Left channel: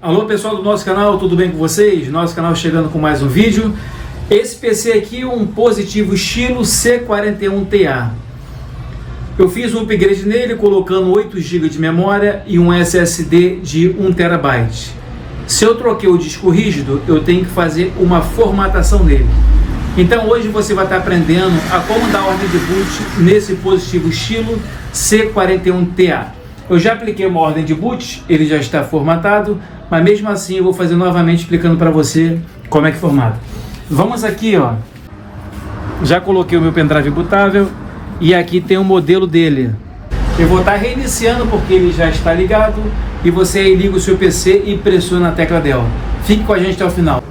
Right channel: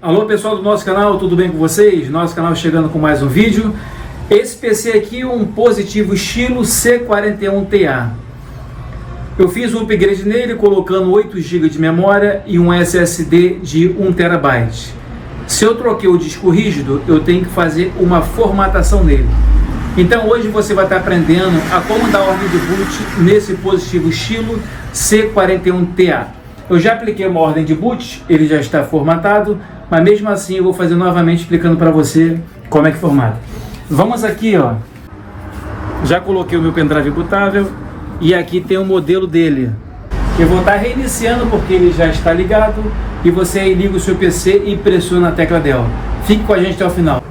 Alô pessoal do nosso canal, tudo bem com vocês? Nosso canal chegando com mais um vídeo. Esse PC aqui é um positivo estilo C41TA. Eu fiz um upgrade nele colocando 8 GB de memória e um SSD de 1 TB. Se eu troquei o disco rígido, eu tenho que fazer uma formatação nele. Então hoje você vai estar aprendendo a como dar ordem de boot nesse positivo estilo C41TA. Eu já apliquei uma ordem de boot, ele já está formatado, mas mesmo assim eu vou fazer novamente explicando para você como é que formata. Vamos aqui, ó. Já coloquei o meu pendrive bootável e aqui tem o modelo dele. Eu vou estar reiniciando porque ele já está ligado e você aí liga o seu PC e pressiona a tecla Del. Fique com a gente até o final.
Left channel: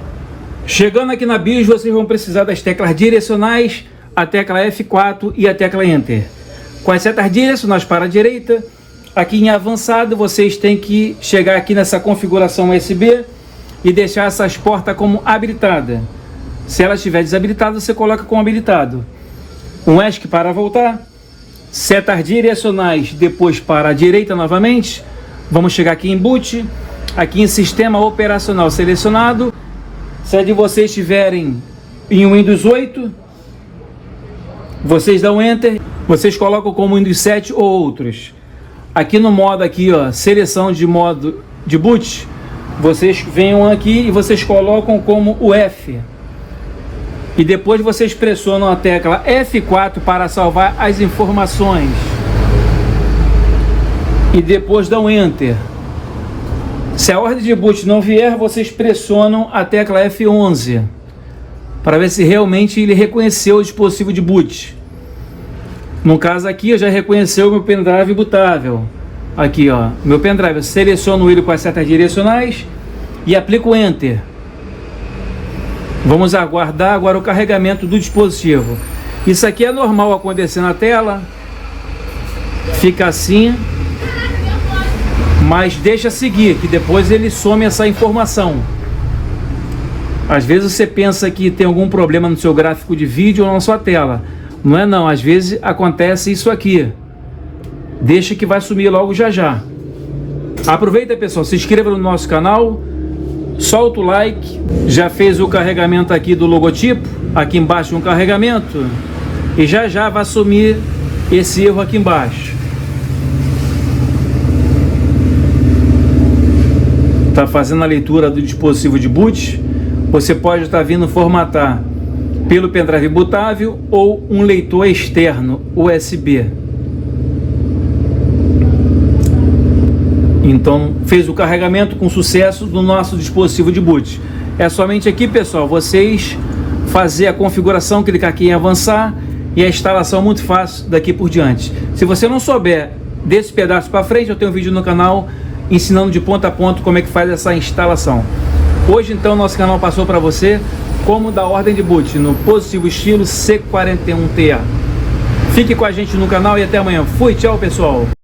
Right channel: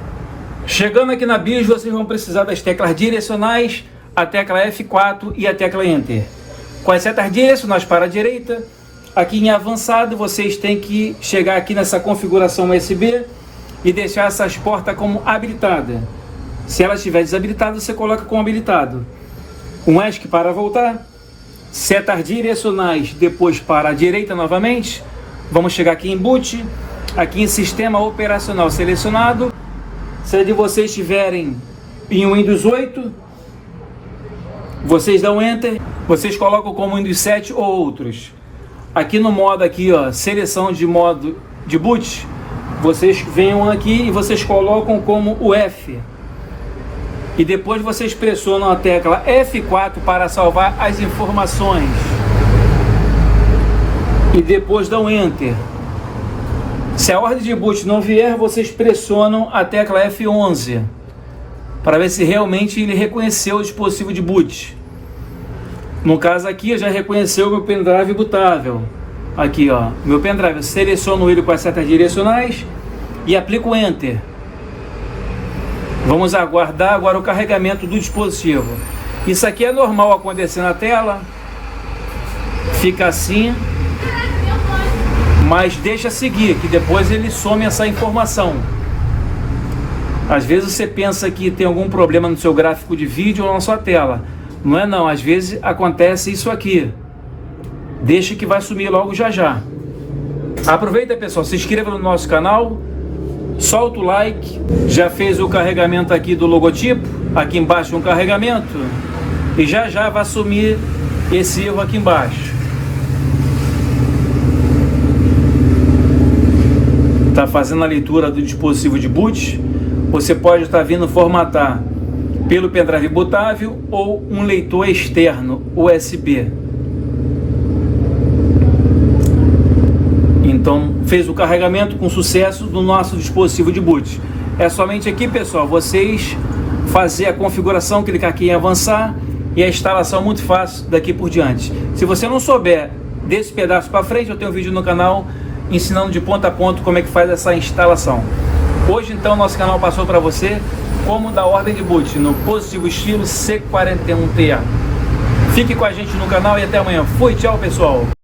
Chegando aqui na BIOS, vocês vão precisar das teclas direcionais, a tecla F4 e a tecla Enter. Com as setas direcionais para a direita, aqui em avançado, vocês têm que chegar aqui nessa configuração USB e deixar essas portas como habilitada. Se ela estiver desabilitada, você coloca como habilitado. Um ESC para voltar, setas direcionais depois para a direita novamente. Vamos chegar aqui em boot, aqui em sistema operacional selecionado. Se a de vocês estiverem em Windows 8, vocês dão Enter, vocês colocam como Windows 7 ou outros. Aqui no modo aqui, ó, seleção de modo de boot, vocês venham aqui e vocês colocam como o F. E depois vocês pressionam a tecla F4 para salvar as informações. E depois dão Enter. Se a ordem de boot não vier, vocês pressionam a tecla F11 para ver se realmente ele reconheceu o dispositivo de boot. No caso aqui, já reconheceu o meu pendrive bootável. Aqui, ó, meu pendrive, eu seleciono ele com as setas direcionais e aplico Enter. Vamos aguardar agora o carregamento do dispositivo. Isso aqui é normal acontecer na tela. Fica assim. Mas deixa seguir, que depois ele some essa informação. Às vezes você pensa que tem algum problema no seu gráfico de vídeo ou na sua tela. Não é não, às vezes acontece isso aqui. Deixa que vai sumir logo já já. Aproveita, pessoal, se inscreva no nosso canal, solta o like. Já fez o carregamento aqui do logotipo, aqui embaixo um carregamento, e já já vai sumir esse erro aqui embaixo. Está fazendo a leitura do dispositivo de boot. Você pode estar vindo formatar pelo pendrive bootável ou um leitor externo USB. Então fez o carregamento com sucesso do nosso dispositivo de boot. É somente aqui, pessoal, vocês fazer a configuração, clicar aqui em avançar e a instalação muito fácil daqui por diante. Se você não souber desse pedaço para frente, eu tenho um vídeo no canal ensinando de ponta a ponta como é que faz essa instalação. Hoje então nosso canal passou para você como dar ordem de boot no positivo estilo C41TA. Fique com a gente no canal e até amanhã. Fui, tchau pessoal!